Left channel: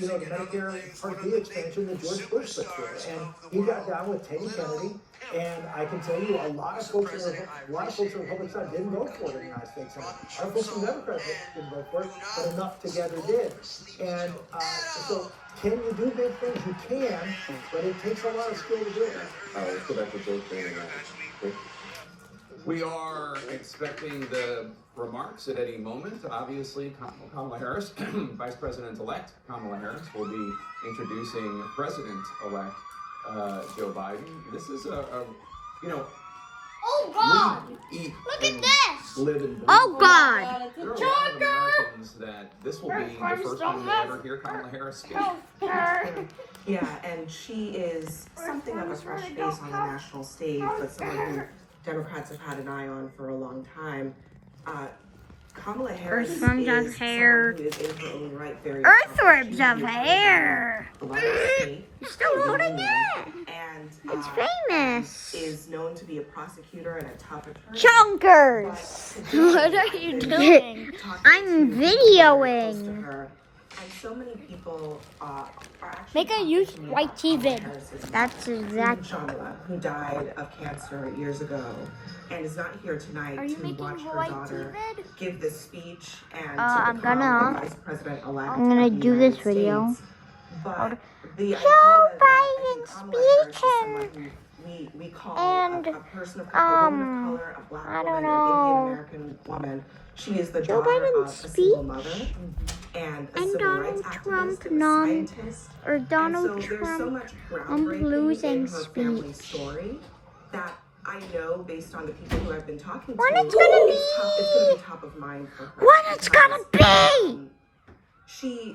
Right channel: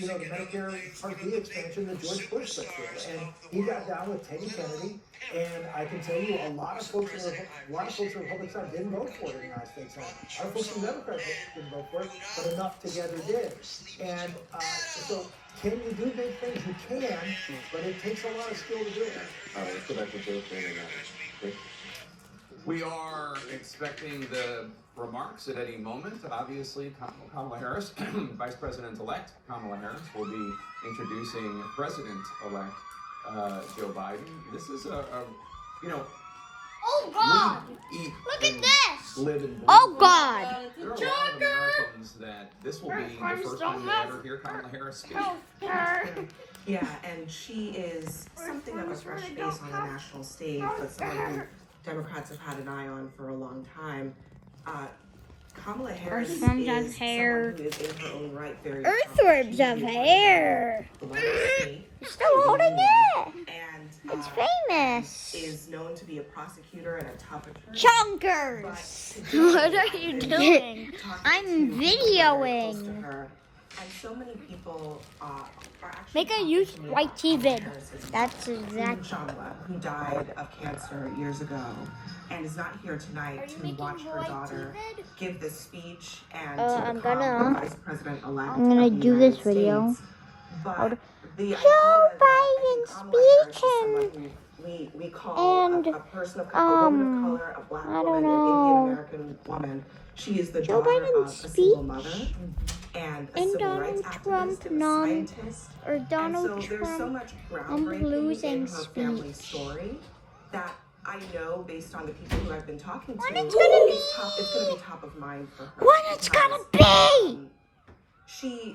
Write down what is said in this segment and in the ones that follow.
the Medicare Part B expansion that George Bush put through, and he got down with Teddy Kennedy. And I can tell you, a lot of folks on the Republican side didn't vote for it in the United States Senate. Our folks on the Democrat didn't vote for it, but enough together did. And so, can you do big things? You can, but it takes a lot of skill to do it. Let's go back to Joe Biden. We are expecting the remarks at any moment. Obviously, Kamala Harris, Vice President-elect Kamala Harris, will be introducing President-elect Joe Biden. This is Oh God! Look at this! Live and breathe. Oh God! There are a lot of Americans that this will be the first time they ever hear Kamala Harris speak. Yeah, and she is something of a fresh face on the national stage, but someone who Democrats have had an eye on for a long time. Kamala Harris is someone who is in her own right very Earthworms of hair! You're still holding it! And It's famous! is known to be a prosecutor and a tough attorney. Chunkers! What are you doing? I'm videoing. And so many people are actually Make a use white TV. That's exactly. Shamala, who died of cancer years ago and is not here tonight to watch her daughter give this speech and to become the president-elect. I'm gonna do this video. But the idea that I think Kamala Harris is someone who we call a person of a woman of color, a black woman, an Indian American woman. She is the daughter of a single mother and a civil rights activist and a scientist. Or Donald and so there's so Trump much groundbreaking losing in her family story that I know, based on the people who I've been talking to, When it's gonna be top of mind for her. When it's gonna be!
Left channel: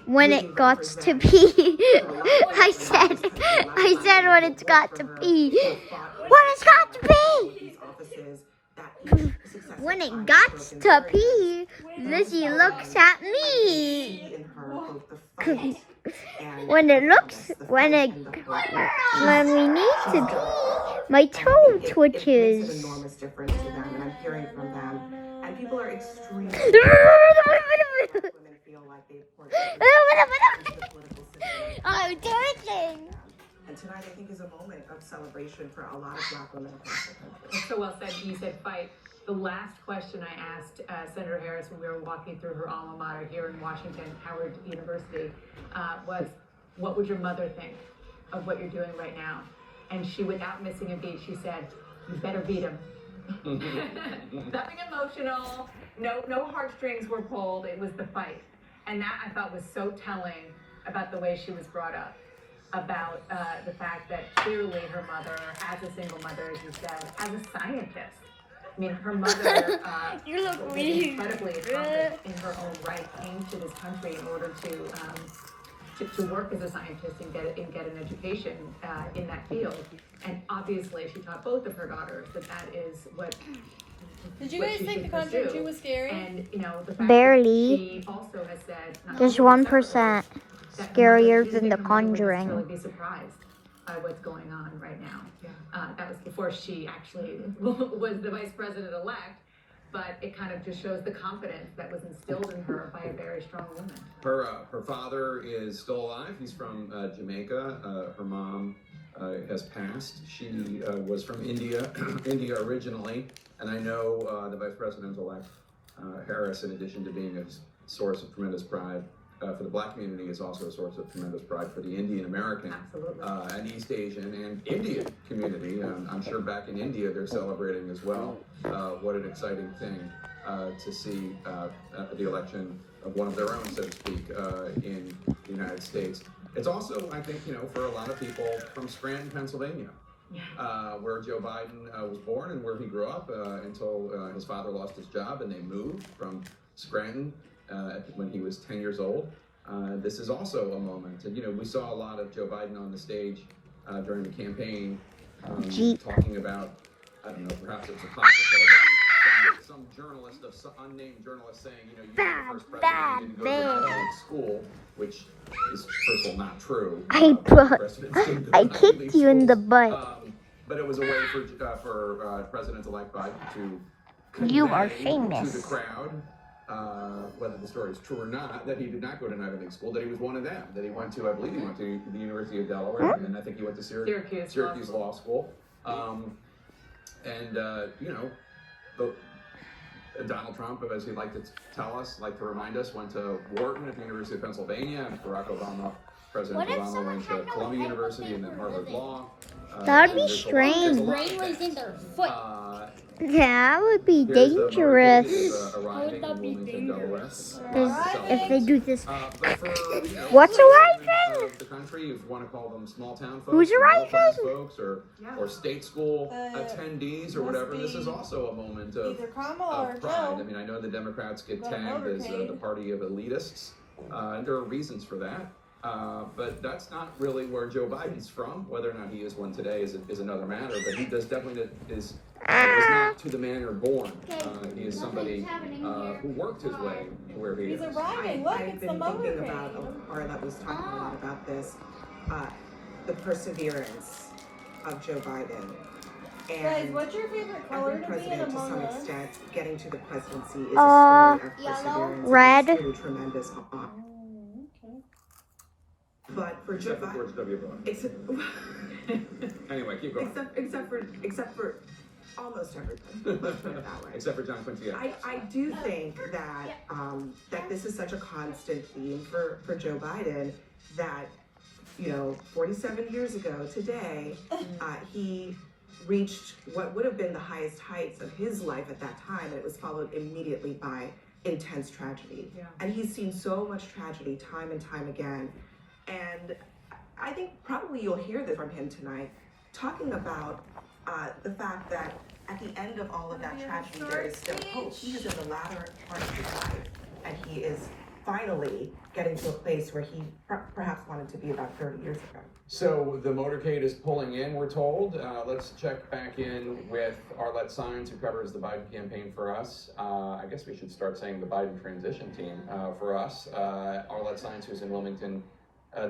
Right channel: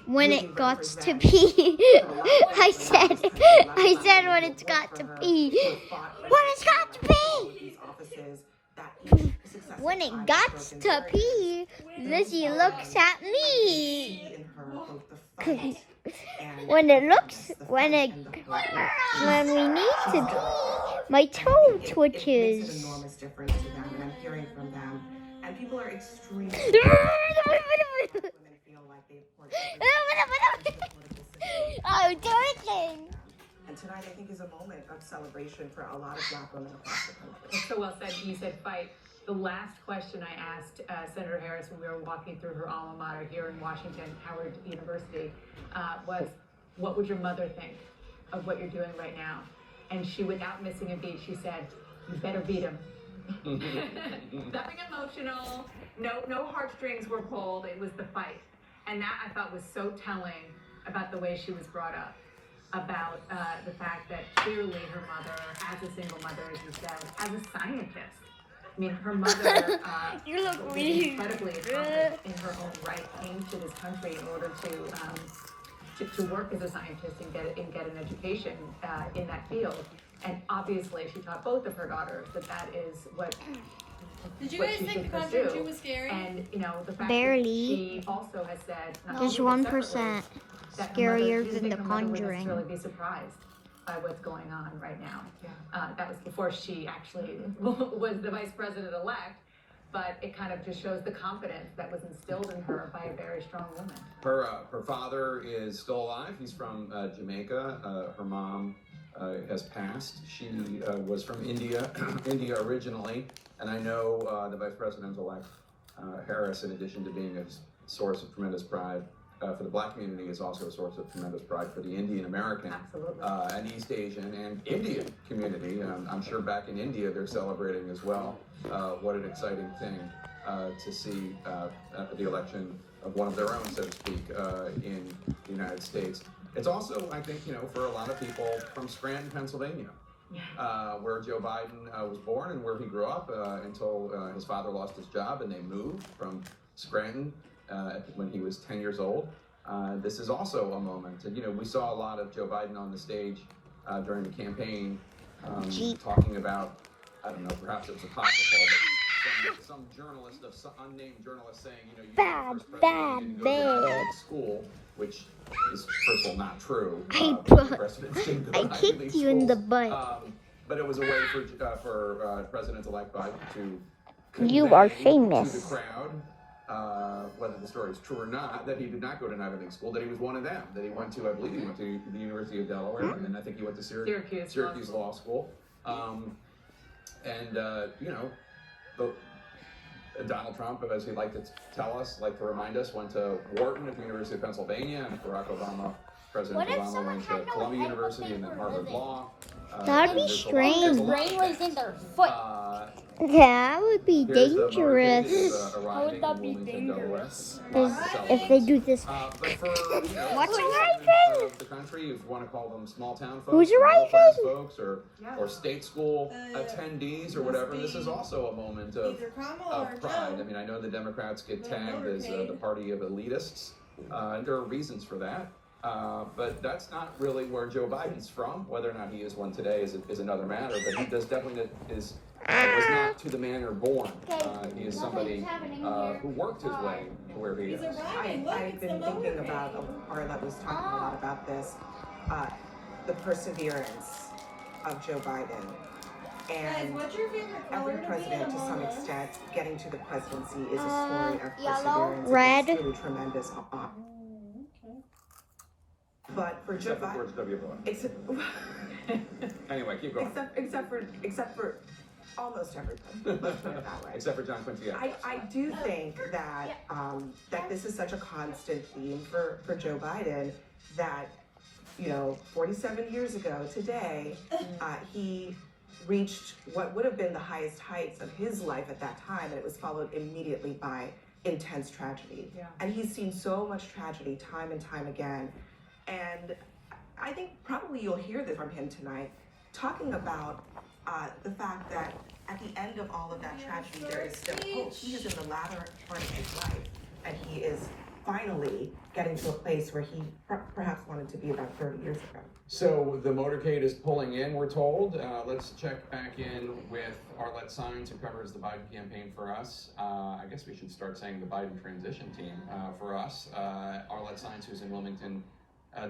When it got to be. I said when it's got to be. When it's got to be! When it got to be, Lizzie looks at me. When we need to pee, my toe twitches. Enormous difference to them, and I'm hearing from them, and people are extremely. I'm twitching. And tonight, I think, is a moment of celebration for a lot of black women across the country. That's so well said. You said fight. The last question I asked Senator Harris when we were walking through her alma mater here in Washington, Howard University, was, what would your mother think of what you're doing right now? And she, without missing a beat, she said, you better beat him. Nothing emotional. No heartstrings were pulled. It was the fight. And that, I thought, was so telling about the way she was brought up, about the fact that clearly her mother, as a single mother, as you said, as a scientist. I mean, her mother You look was really incredibly accomplished in her own right, came to this country in order to work as a scientist and get an education in that field. And obviously, she taught both of her daughters that is what. Did you guys think the Conjuring was scary? And the fact Barely. that she also has said Just 1% scarier than The Conjuring. Really be surprised by what's going on right now. That was before she actually was the vice president-elect, but it kind of just shows the confidence that was instilled in her by a very strong woman. Her father is still alive. He's from Jamaica. Her mom has passed. She was from India, India originally, and I know the vice president-elect Harris, in addition to being a source of tremendous pride for the black community, is also a source of tremendous pride for the Indian American and East Asian and Indian community. I'm sure back in India they're celebrating as well. What an exciting thing to see the election of one of their own, so to speak, in the United States. It's also, I think, for a lot of people from Scranton, Pennsylvania, where Joe Biden was born and where he grew up until his father lost his job and they moved from Scranton when he was 10 years old. This is also a moment. And, we saw a lot of Joe Biden on the stage during the campaign talking about, I don't know, perhaps it was apocryphal, but some journalist, some unnamed journalist saying, you're the first president who didn't go to Catholic school, which is, first of all, not true. I kicked you in the butt. But it was a way for President-elect Biden to You are convey famous. to the crowd whether the story is true or not, that he did not go to an Ivy League school, that he was one of them, that he went to, I believe he went to the University of Delaware, and I think he went to Syracuse Law School. Donald Trump, as he'd like to tell us, like to remind us, went to Wharton at the University of Pennsylvania. Barack Obama, President Obama went to Columbia University and then Harvard Law. That'd be strange. Brain was in their foot. That would be dangerous. How would that be dangerous? If they do this. What's arriving? The country, you want to call them small town folks, Who's arriving? folks, or state school attendees or whatever. This is also a moment of pride. I mean, I know the Democrats get tagged as the party of elitists, and there are reasons for that. But that's not really where Joe Biden's from. Whether or not he is one today is another matter. But he does definitely was not to the manner born. He is somebody who worked his way to where he is. I've been thinking about, Arlette was talking a lot about this, the perseverance of Joe Biden. Guys, And what's your favorite color every to be in president, to some Among Us? extent, getting to the presidency is a story of perseverance. red. It's really tremendous. But for Joe Except for George Biden, W. Bush. Anyway, keep going. except for almost everybody, let's put it that way. Except for John Quincy Adams. I do think that that this is such a constant theme for Joe Biden that, 47 years ago today, he reached what would have been the highest heights of his life at that time, and it was followed immediately by intense tragedy. Yeah. And he's seen so much tragedy time and time again. And I think probably you'll hear this from him tonight, talking about the fact that at the end of all of that tragedy, there is still hope. He is in the latter part of his life, and he is finally getting to a place where he perhaps wanted to be about 30 years ago. So the motorcade is pulling in, we're told. Let's check back in with Arlette Saenz, who covers the Biden campaign for us. I guess we should start saying the Biden transition team for us. Arlette Saenz, who's in Wilmington,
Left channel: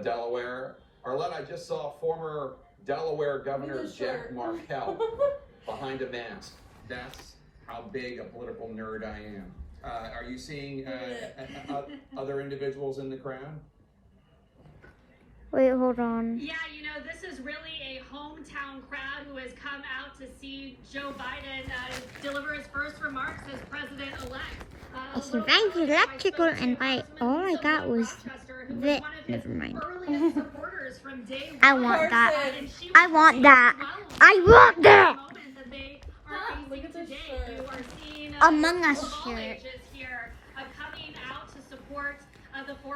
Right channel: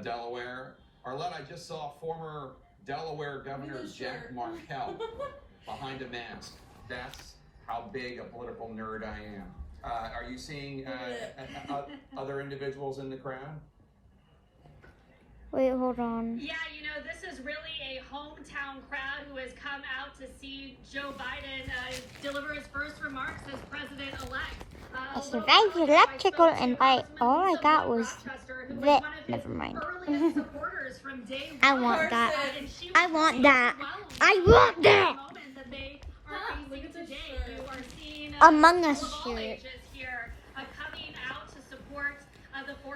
Delaware. Arlette, I just saw former Delaware Governor Jack Markell behind a mask. That's how big a political nerd I am. Are you seeing other individuals in the crowd? Wait, hold on. Yeah, this is really a hometown crowd who has come out to see Joe Biden deliver his first remarks as president-elect. I survived the electrical invite. All I got was that. Never mind. I want that. I want that. I want that. Among Us shirt.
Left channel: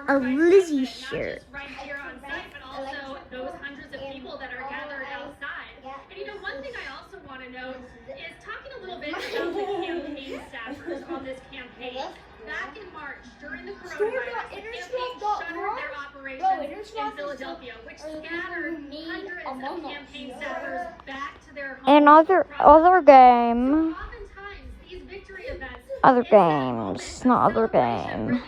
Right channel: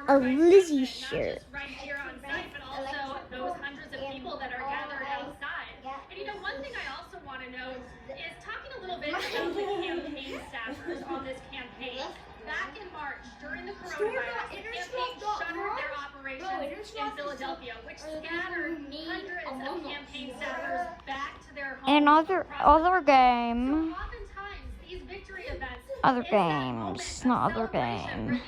A Lizzie shirt. Right here on site, but also those hundreds of people that are gathered outside. And one thing I also want to know is talking a little bit about the campaign staffers on this campaign. Back in March, during the coronavirus, the campaign shuttered their operations in Philadelphia, which scattered hundreds of campaign staffers back to their homes. And other game. So oftentimes, these victory events, Other games, not other games.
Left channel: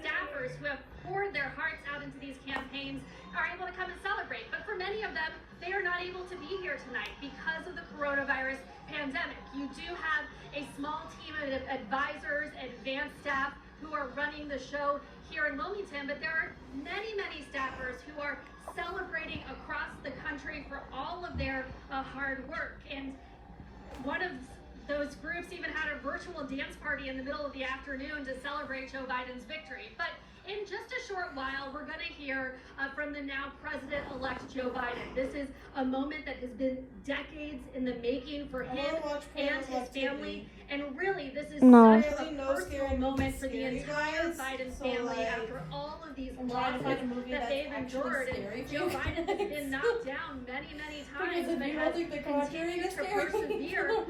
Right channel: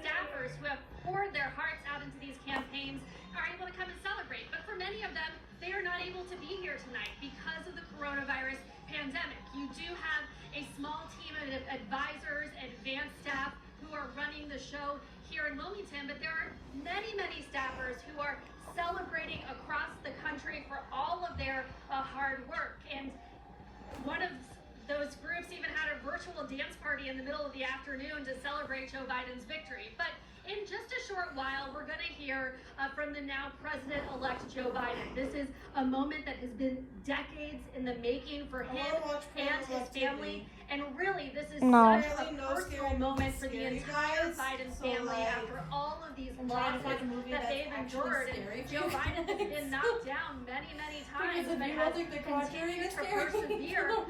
Staffers who have poured their hearts out into these campaigns are able to come and celebrate. But for many of them, they are not able to be here tonight because of the coronavirus pandemic. You do have a small team of advisors, advanced staff who are running the show here in Wilmington, but there are many, many staffers who are celebrating across the country for all of their hard work. And one of those groups even had a virtual dance party in the middle of the afternoon to celebrate Joe Biden's victory. But in just a short while, we're going to hear from the now president-elect Joe Biden. This is a moment that has been decades in the making for him and his family. And really, this is such a personal moment for the entire Biden family after all of these losses that they've endured. And Joe Biden has been knocked down many, many times, but has continued to persevere as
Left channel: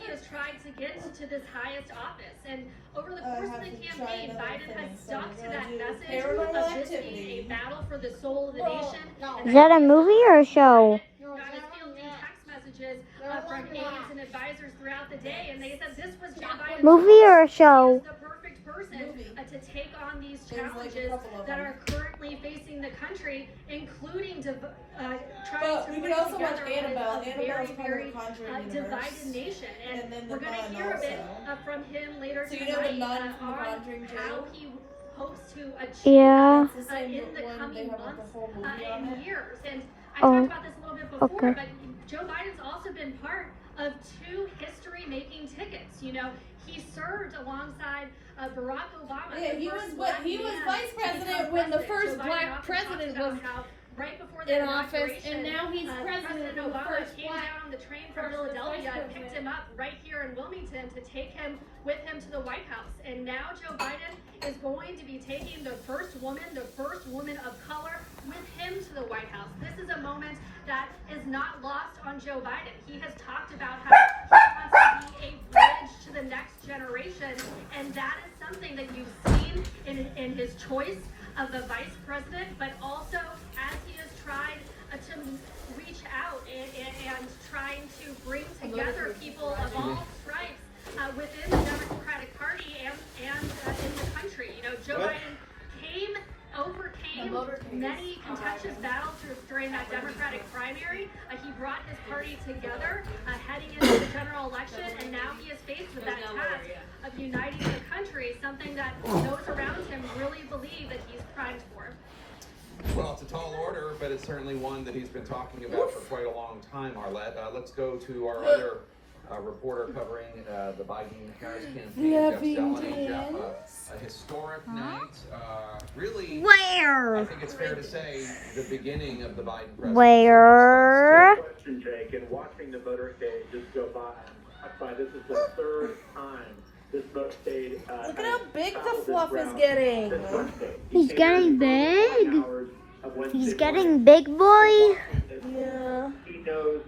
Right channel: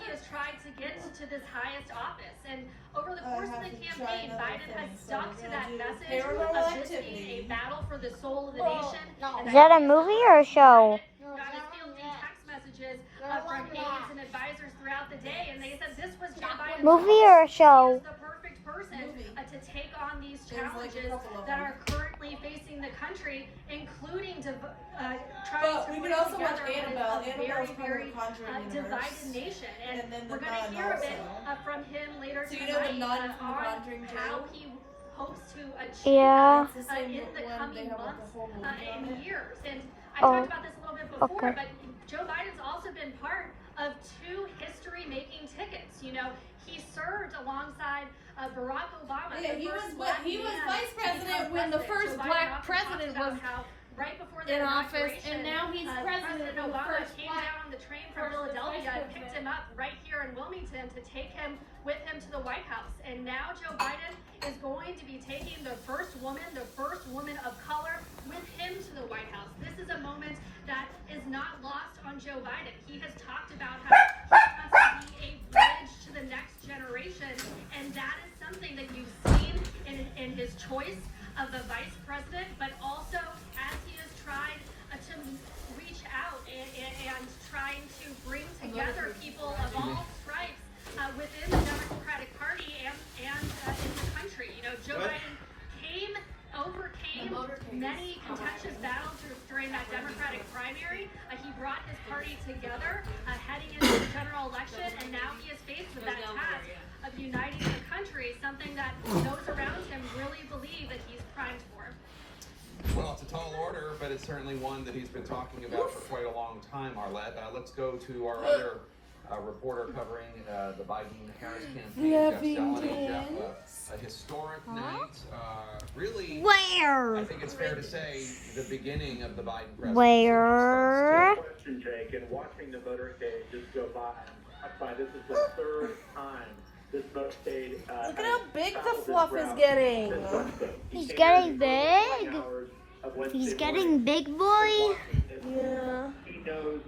he has tried to get to this highest office. And over the course of the campaign, Biden has stuck to that message of this being a battle for the soul of the nation. Is that a movie or a show? Got his fielding text messages from aides and advisors throughout the day, and they said this was Joe Biden's Movie or a show? the perfect person person to take on these There's like a challenges couple of that them. are currently facing the country, including trying But to we bring could also watch together what is Annabelle. a Annabelle's very, part of very the Conjuring divided universe. nation. And then the we're going to Nun hear a bit also. from him later So you tonight know the Nun from the on Conjuring how too? he hopes to achieve Yeah. It's the same in the one they coming have with months the whole movie on and it. years. And I Oh, talked about this a little bit before, okay. but Joe Biden's also been part of 2 history-making tickets. You know, he served alongside Barack Obama. Yeah, the he first was black he was man vice to president become when the president. first Joe Biden black often president talks was about how right before the in office, inauguration, and now he's president President of the Obama first came black down on the train from versus Philadelphia vice and picked him president. up right here in Wilmington to take him with him to the White House. And now Joe Biden is going to be taking the first woman of color, with him to the White House. This is a moment that is not lost on Joe Biden. He has talked about how he wants to be a bridge to the next generation, and that is something that you've seen in his choice of the vice president, but also as he has tried to reach out and trying to bring together people of all stripes within the Democratic Party and in the country. You know, Joe Biden overcame many contentious battles during that Democratic primary. He brought his party together heading into the general election, and now he is faced with that task of uniting the country, something that those around him really believe that he's primed for. Well, it's a tall order, but it's certainly one that he's been talking about for quite a long time, Arlette. Let's go to our other reporter covering the Biden-Harris campaign, Jeff Zeleny. Jeff, a historic night. Really, I Where? think it's fair to say, the beginning of the Biden presidency. Where? No question, Jake, and watching the motorcade just go by, this is the 3rd time this motorcade. Look at how big the fluff is getting. He's getting big. He's getting big, boy. Yeah. He knows.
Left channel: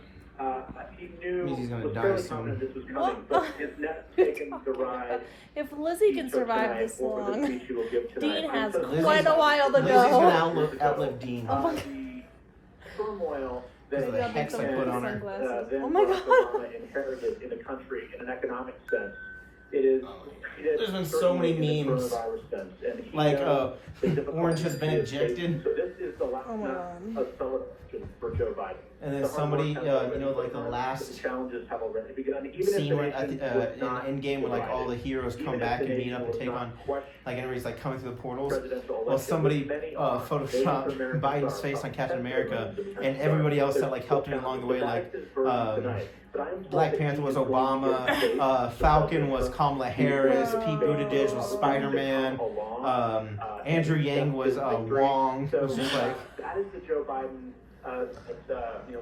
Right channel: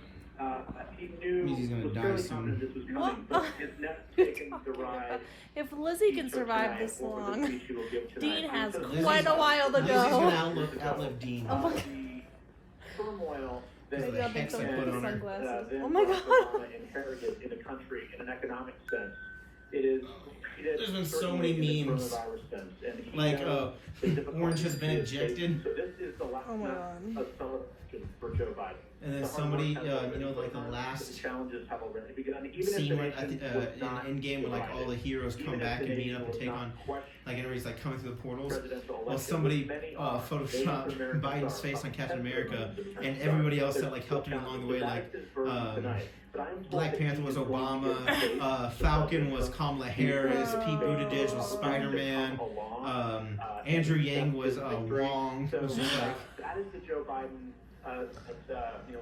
He knew. Means he's gonna was die fairly soon. confident this was coming, What? but has never taken the ride. If Lizzie he can took survive tonight this over the long, speech he will give tonight. Dean has Lizzie's- quite a while to Lizzie's gonna go. outlive Dean. Oh my The turmoil that Maybe I'll take some and, put on her. then Oh my Barack God. Obama inherited in the country in an economic sense. It is. There's been so many memes. Like, Orange has been ejected. So this is the last Oh my night God. of celebration for Joe Biden. And then The hard somebody, work has already you know, like the begun, last the challenges have already begun. Even if scene the where nation at was the, not in Endgame when like all the divided, heroes come even if back the and meet nation up and was take not on, questioning like everybody's like coming through the portals. presidential Well, election, somebody many are. photoshopped Native Americans Biden's are face on Captain America, up and everybody else that like helped him along the way, like Black Panther was Obama, Falcon was Kamala Harris, Pete Buttigieg was Spider-Man, Andrew Yang was Wong. It was just like, that is the Joe Biden.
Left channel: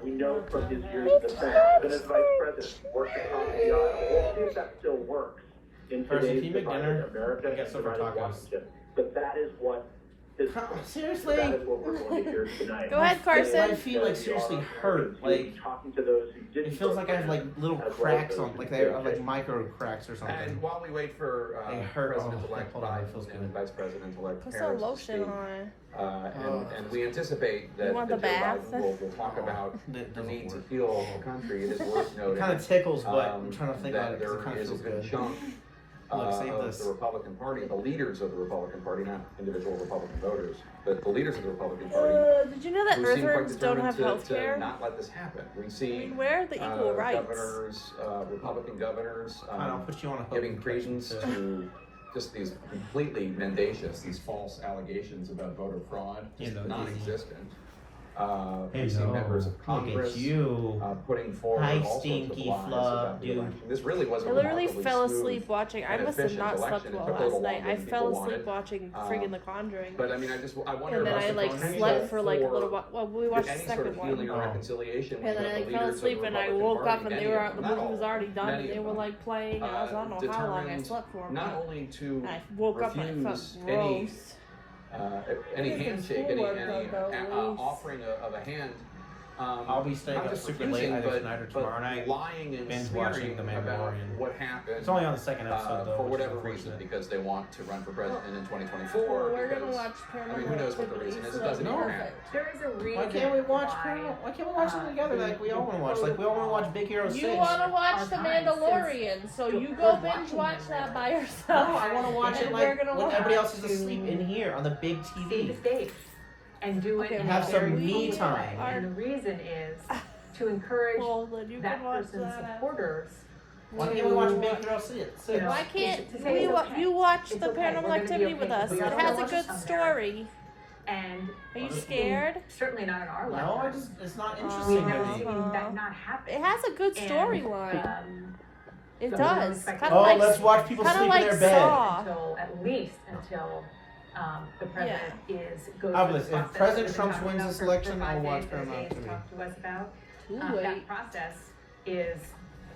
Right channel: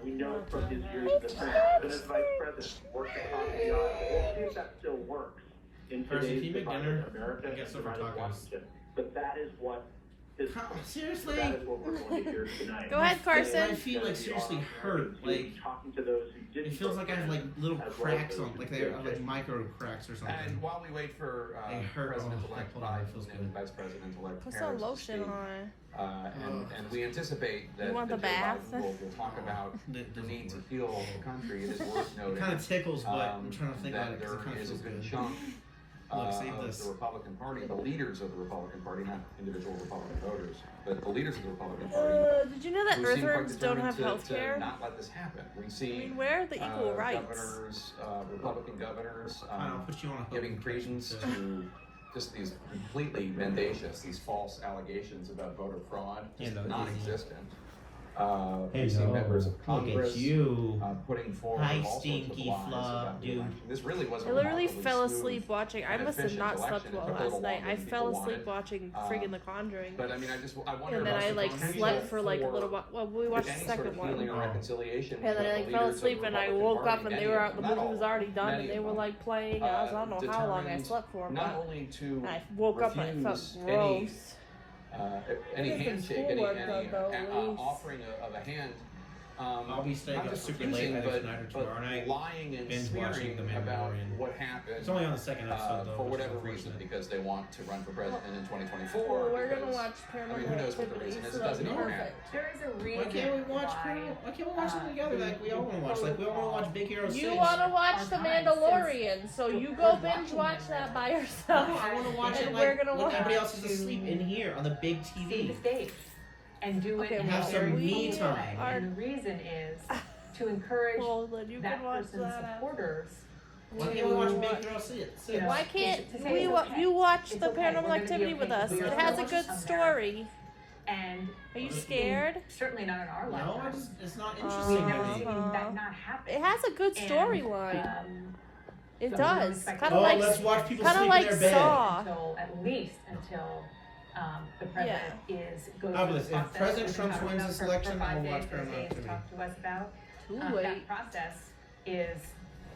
We know from his years in the Senate, but as vice president, worked across the aisle. We'll see if that still works in Percy, today's can you make divided dinner? America I got and some for divided tacos. Washington. But that is what is. Seriously? That is what we're going to hear tonight. Go ahead, Carson. My feet like seriously hurt. Like talking to those who didn't it feels like I have like little as well as cracks those on, who like they did. have like micro cracks or And something. while we wait for They hurt. President-elect Oh, that feels Biden good. and Vice President-elect Put some Harris to lotion speak, on. and we anticipate that, You want that the Joe bath? Biden will talk about That the doesn't need to work. heal the country. It is worth It noting kind of tickles, but I'm trying to think that about it because it there kind of is a feels good good. chunk Look, save of this. the Republican Party, the leaders of the Republican Party, not individual Republican voters, but the leaders of the Republican Party, Did you know that who seem quite Earthworms don't determined have health to care? not let this happen. We I see mean, where are the equal rights? governors, Republican governors, I'll put you on a hook giving and credence protection, to just these completely mendacious, these false allegations about voter fraud, just Hello, non-existent. We see Hello. members of Look Congress at you. putting forward Hi, all sorts of stinky lies flub, about the dude. election. This really was a I literally remarkably fell smooth asleep watching. I and must have efficient not slept election. It well took a little last night. longer I than fell people asleep wanted. watching friggin' The Conjuring. But I mean, I wonder And then if I like there's any slept for like a for little while. Well, we watched the any sort second of one. healing or reconciliation. And then I with like the fell leaders of asleep the and I Republican woke Party, up and many they were of out. The them, movie not was all, already done many and they of were them, like playing. I don't know how long I determined slept for. not But only to I woke up and I felt refuse gross. any I did some handshake, schoolwork any though, Lee. offering of a hand I'll be staying not up just super confusing, late either tonight or but tomorrow night. lying and binge watching smearing The about Mandalorian. what happened. It's only on the second episode though. For which is whatever reason, unfortunate. because they want to run for president in 2024. Well, we're gonna because, watch I mean, Paranormal who knows what the Activity, reason is? so It doesn't that's even matter. perfect. There is a reason Why can't we watch? why, Why can't we watch them together like we all want to watch? Like we all want to watch Big Hero 6. You want to watch The Archives, Mandalorian, so since you go we're binge watching watch them, that by No, yourself. I want to watch And it we're like gonna when watch everybody else is to asleep in here on the big see TV. the stage and do it Okay, in have a some very me focused time. way. And the reason is to encourage Well, then you that can watch person's that. supporters. Why to, can't we watch Big Hero 6? you know, Why can't to say we? it's okay. You watch It's the okay. Paranormal We're gonna be Activity okay with us. because we It are has a gonna good watch some story. And Are you Honestly, scared? certainly not in our No, lifetime. it's not We've interesting never to me. seen that not happen. It has a good And, storyline. It so does. respect- Kind Oh, of like, let's watch people kind of sleep like in their bed. Saw. until at least until the president goes I'll through listen, the if process President we've been Trump talking wins about this for election, 5 I'll days watch that Paramount Dave TV. talked to us about. Too That late. process is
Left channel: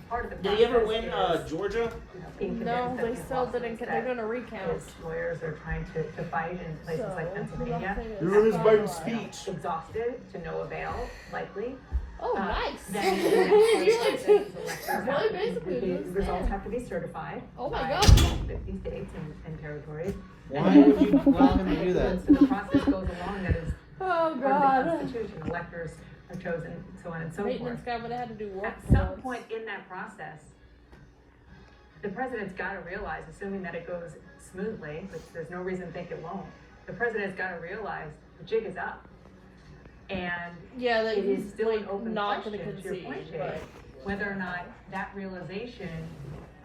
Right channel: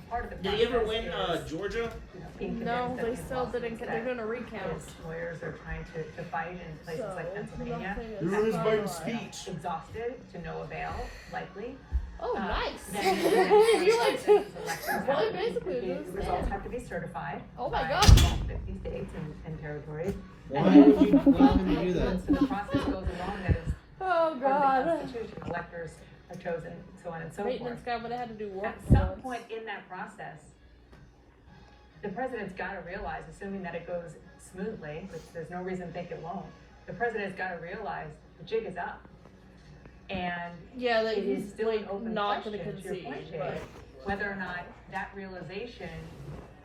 part of the Did process. he ever win is, Georgia? being No, convinced that they the still didn't. lawsuits They're that gonna recount. his lawyers are trying to fight in places So, like Pennsylvania. nothing is You're in his finalized. Biden's speech. Exhausted to no avail, likely. Oh, nice. Then You like to. elections Boy, have to be- basically the just results saying. have to be certified. Oh my by God. all 50 states and territories. Why would you allow him to do that? Once the process goes along, that is Oh part of God. the Constitution. Electors are chosen, so on and so Peyton forth. and Scott would have had to do work At for some once. point in that process, the president's got to realize, assuming that it goes smoothly, which there's no reason to think it won't, the president's got to realize the jig is up. And Yeah, like it is he's still an like open not gonna question, to your point, concede. Jake, But whether or not that realization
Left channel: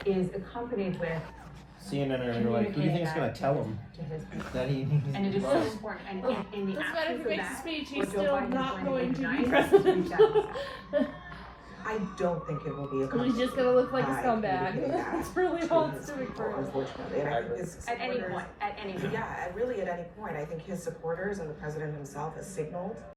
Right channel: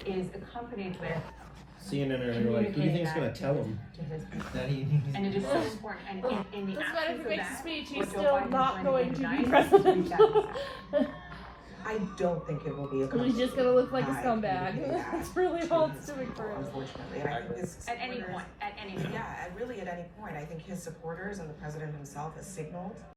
is accompanied with CNN are like, who do you think is going to tell him to his people. that he? And it is so important. And in the doesn't matter if absence he of makes a that, speech, what he's Joe still Biden is not going to be tonight, president. we've got to see. I don't think it will be a So he's just gonna look like a I scumbag. agree with that. That's really all it's doing for him. Unfortunately, and I think his At any supporters- point, at any point. Yeah, really at any point. I think his supporters and the president himself has signaled